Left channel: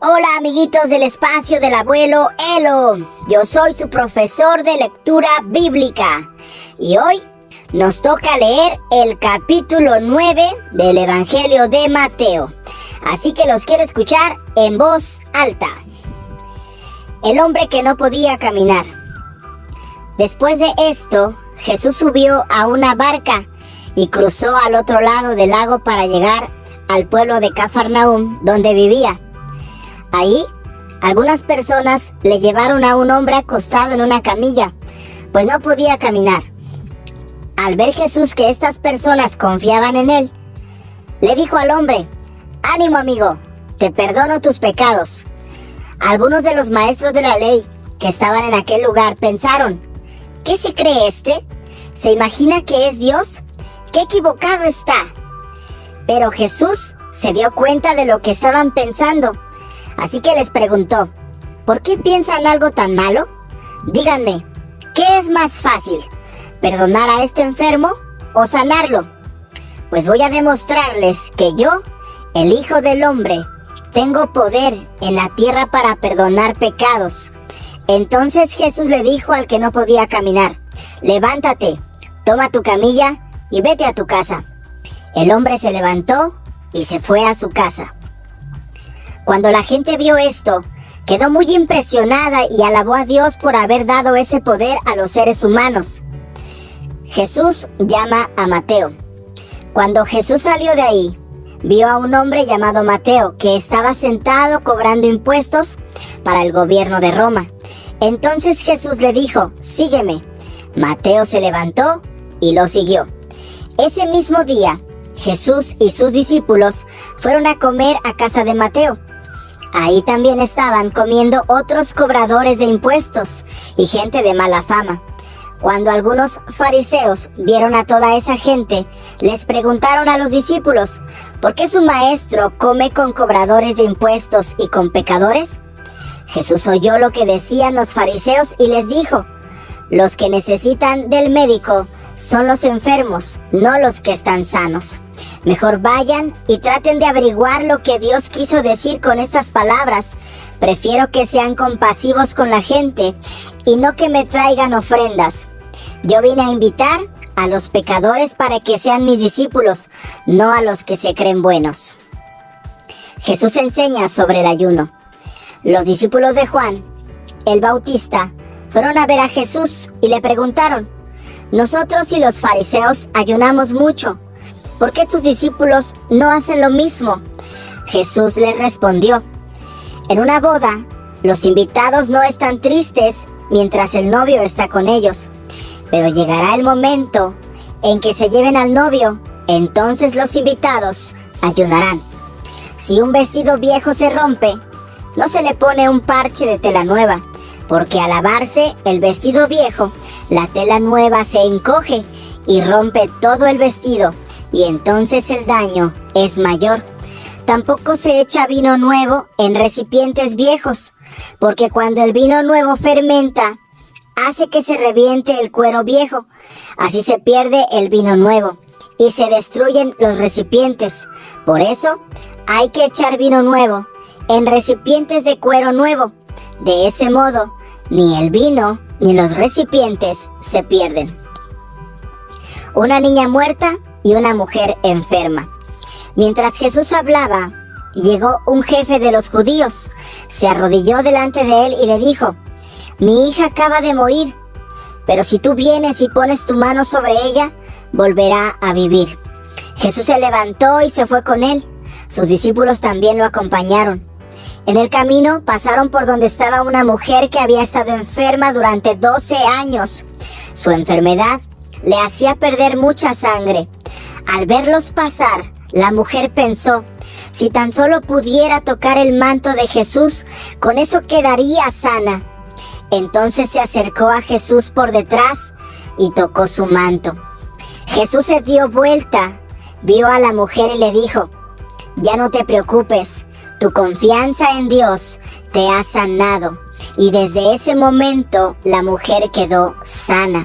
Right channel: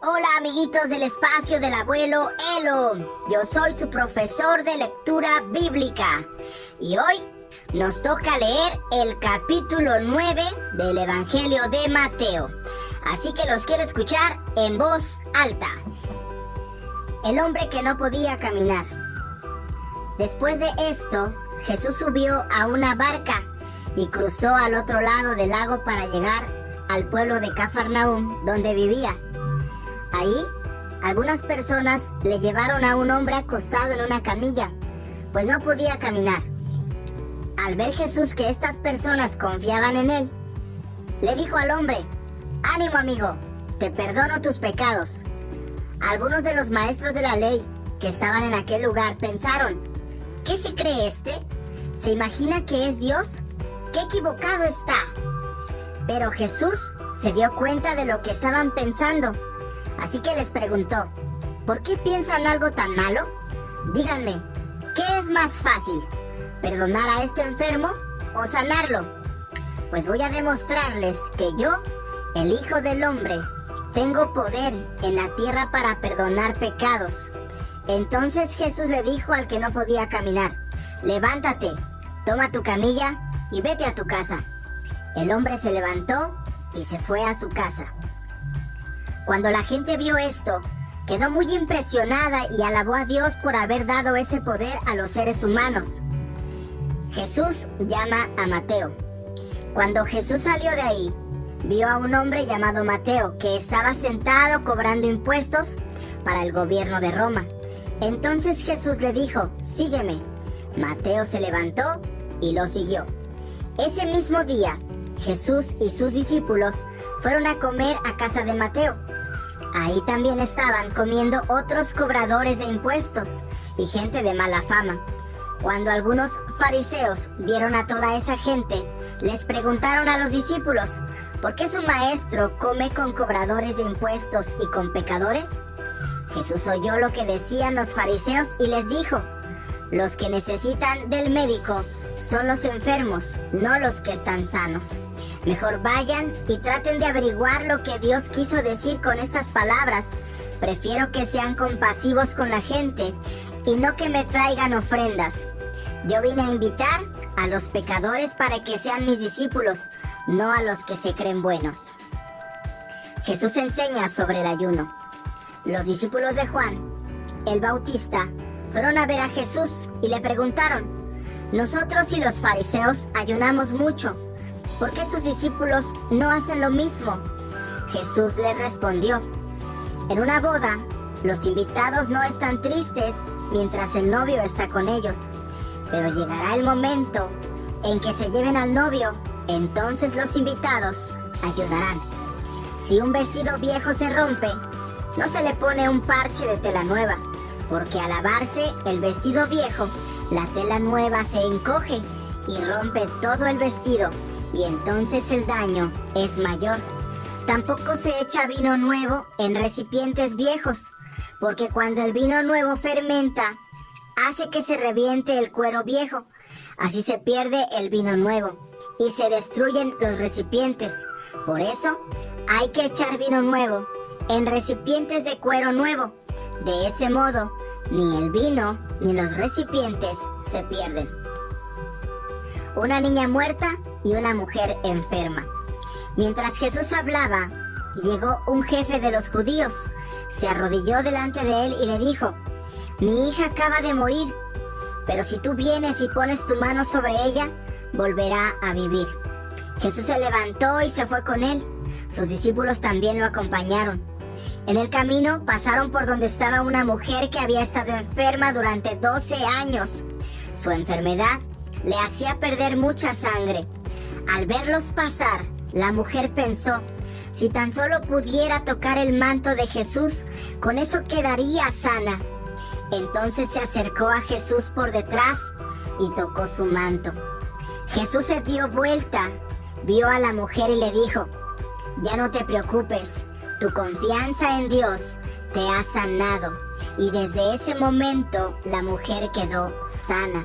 Hola amiguitos del espacio del abuelo Elo, yo soy su profesor de lectura bíblica y hoy nos toca leer el capítulo 9 del Evangelio de Mateo, así que los quiero escuchar en voz alta. El hombre que no podía caminar. Después de esto, Jesús subió a una barca y cruzó al otro lado del lago para llegar al pueblo de Cafarnaúm, donde vivía. Ahí, algunas personas le llevaron a un hombre acostado en una camilla, pues no podía caminar. Al ver Jesús que estas personas confiaban en él, le dijo al hombre: «Ánimo, amigo, te perdono tus pecados». Algunos de los maestros de la ley que estaban en aquel lugar pensaron: «¿Qué se cree este? ¿Se imagina que es Dios? ¡Qué equivocado está!». Pero Jesús se dio cuenta de lo que estaban pensando. Así que les preguntó: ¿por qué piensan algo tan malo? Díganme, ¿qué es más fácil? ¿Perdonar a este enfermo o sanarlo? Pues voy a demostrarles que yo, el Hijo del Hombre, tengo poder en la tierra para perdonar pecados. Entonces Jesús le dijo al que no podía caminar: «Levántate, toma tu camilla y vete a tu casa». El hombre se levantó y se fue a su casa. Cuando la gente vio esto, quedó muy impresionada y alabó a Dios por haber dado ese poder a los seres humanos. Jesús llama a Mateo. Cuando Jesús salió de ahí, vio a un hombre llamado Mateo que estaba sentado cobrando impuestos para el gobierno de Roma. Entonces Jesús le dijo: «Sígueme». Mateo se levantó y lo siguió. Ese mismo día, Jesús y sus discípulos fueron a comer a casa de Mateo. Ahí también estaban comiendo otros cobradores de impuestos y gente de mala fama. Cuando algunos fariseos vieron a toda esa gente, les preguntaron a los discípulos: ¿por qué su maestro come con cobradores de impuestos y con pecadores? Jesús oyó lo que decían los fariseos y les dijo: los que necesitan del médico son los enfermos, no los que están sanos. Mejor vayan y traten de averiguar lo que Dios quiso decir con estas palabras. Prefiero que sean compasivos con la gente y no que me traigan ofrendas. Yo vine a invitar a los pecadores para que sean mis discípulos, no a los que se creen buenos. Jesús enseña sobre el ayuno. Los discípulos de Juan, el Bautista, fueron a ver a Jesús y le preguntaron: «Nosotros y los fariseos ayunamos mucho. ¿Por qué tus discípulos no hacen lo mismo?». Jesús les respondió: «En una boda, los invitados no están tristes mientras el novio está con ellos. Pero llegará el momento en que se lleven al novio, entonces los invitados ayunarán. Si un vestido viejo se rompe, no se le pone un parche de tela nueva, porque al lavarse el vestido viejo, la tela nueva se encoge y rompe todo el vestido, y entonces el daño es mayor. Tampoco se echa vino nuevo en recipientes viejos, porque cuando el vino nuevo fermenta, hace que se reviente el cuero viejo. Así se pierde el vino nuevo y se destruyen los recipientes. Por eso hay que echar vino nuevo en recipientes de cuero nuevo. De ese modo, ni el vino ni los recipientes se pierden». Una niña muerta y una mujer enferma. Mientras Jesús hablaba, llegó un jefe de los judíos, se arrodilló delante de él y le dijo: «Mi hija acaba de morir, pero si tú vienes y pones tu mano sobre ella, volverá a vivir». Jesús se levantó y se fue con él. Sus discípulos también lo acompañaron. En el camino pasaron por donde estaba una mujer que había estado enferma durante 12 años. Su enfermedad le hacía perder mucha sangre. Al verlos pasar, la mujer pensó: si tan solo pudiera tocar el manto de Jesús, con eso quedaría sana. Entonces se acercó a Jesús por detrás y tocó su manto. Jesús se dio vuelta, vio a la mujer y le dijo: «Ya no te preocupes, tu confianza en Dios te ha sanado». Y desde ese momento la mujer quedó sana.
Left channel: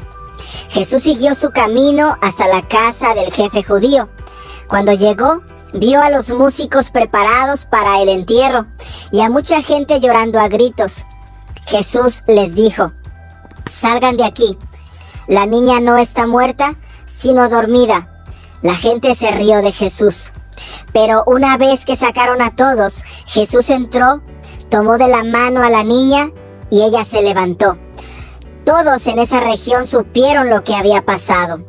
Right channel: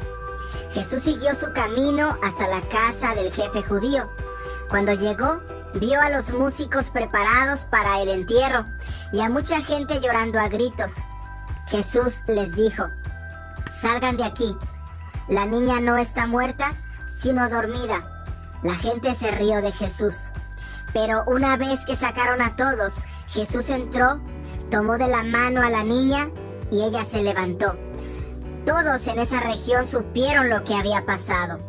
Jesús siguió su camino hasta la casa del jefe judío. Cuando llegó, vio a los músicos preparados para el entierro y a mucha gente llorando a gritos. Jesús les dijo: «Salgan de aquí. La niña no está muerta, sino dormida». La gente se rió de Jesús. Pero una vez que sacaron a todos, Jesús entró, tomó de la mano a la niña y ella se levantó. Todos en esa región supieron lo que había pasado.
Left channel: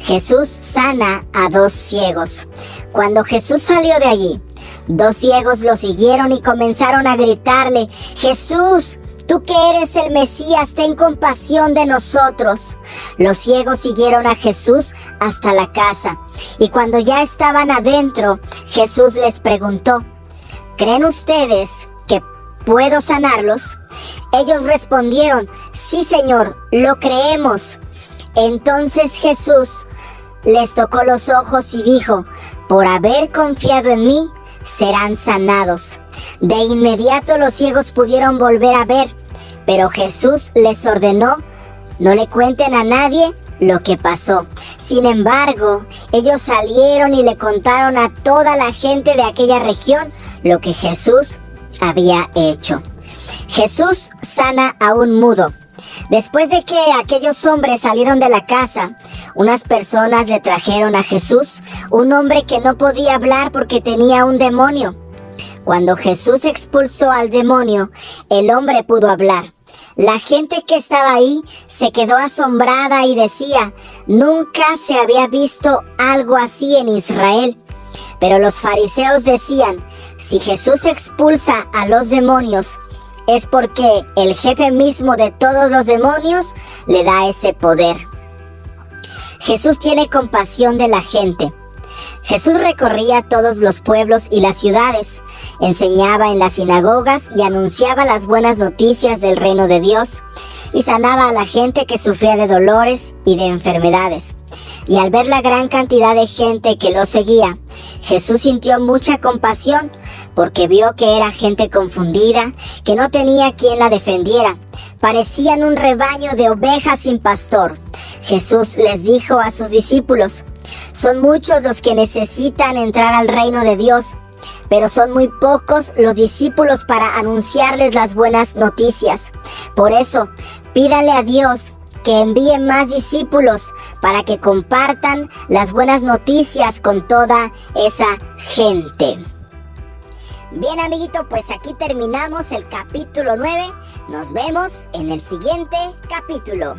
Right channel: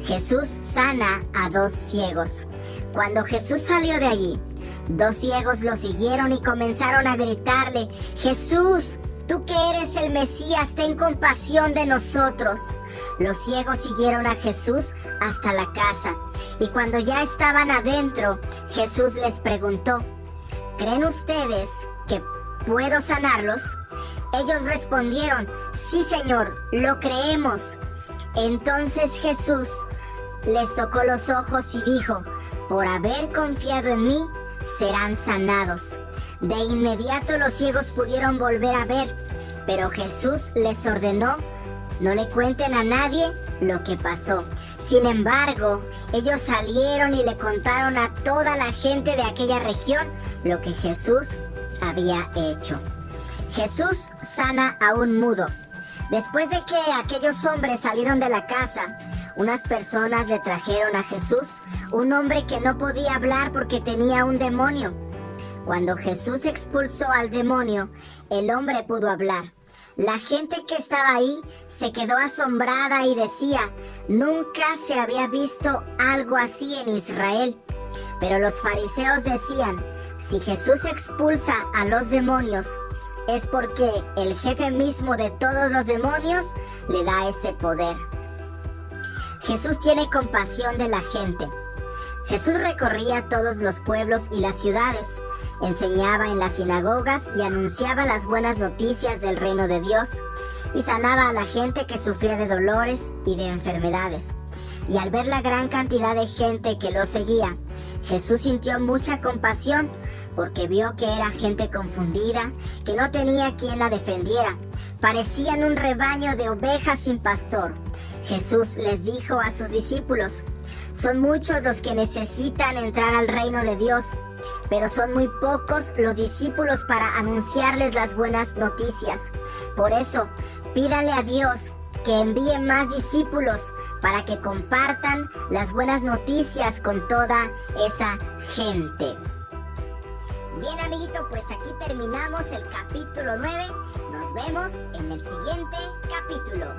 Jesús sana a 2 ciegos. Cuando Jesús salió de allí, 2 ciegos lo siguieron y comenzaron a gritarle: «Jesús, tú que eres el Mesías, ten compasión de nosotros». Los ciegos siguieron a Jesús hasta la casa, y cuando ya estaban adentro, Jesús les preguntó: «¿Creen ustedes que puedo sanarlos?». Ellos respondieron: «Sí, Señor, lo creemos». Entonces Jesús les tocó los ojos y dijo: «Por haber confiado en mí, serán sanados». De inmediato los ciegos pudieron volver a ver, pero Jesús les ordenó: «No le cuenten a nadie lo que pasó». Sin embargo, ellos salieron y le contaron a toda la gente de aquella región lo que Jesús había hecho. Jesús sana a un mudo. Después de que aquellos hombres salieron de la casa, unas personas le trajeron a Jesús un hombre que no podía hablar porque tenía un demonio. Cuando Jesús expulsó al demonio, el hombre pudo hablar. La gente que estaba ahí se quedó asombrada y decía: «Nunca se había visto algo así en Israel». Pero los fariseos decían: «Si Jesús expulsa a los demonios, es porque el jefe mismo de todos los demonios le da ese poder». Jesús tiene compasión de la gente. Jesús recorría todos los pueblos y las ciudades, enseñaba en las sinagogas y anunciaba las buenas noticias del reino de Dios, y sanaba a la gente que sufría de dolores y de enfermedades. Y al ver la gran cantidad de gente que lo seguía, Jesús sintió mucha compasión, porque vio que era gente confundida, que no tenía quien la defendiera. Parecían un rebaño de ovejas sin pastor. Jesús les dijo a sus discípulos: «Son muchos los que necesitan entrar al reino de Dios, pero son muy pocos los discípulos para anunciarles las buenas noticias. Por eso, pídale a Dios que envíe más discípulos para que compartan las buenas noticias con toda esa gente». Bien, amiguito, pues aquí terminamos el capítulo 9. Nos vemos en el siguiente capítulo.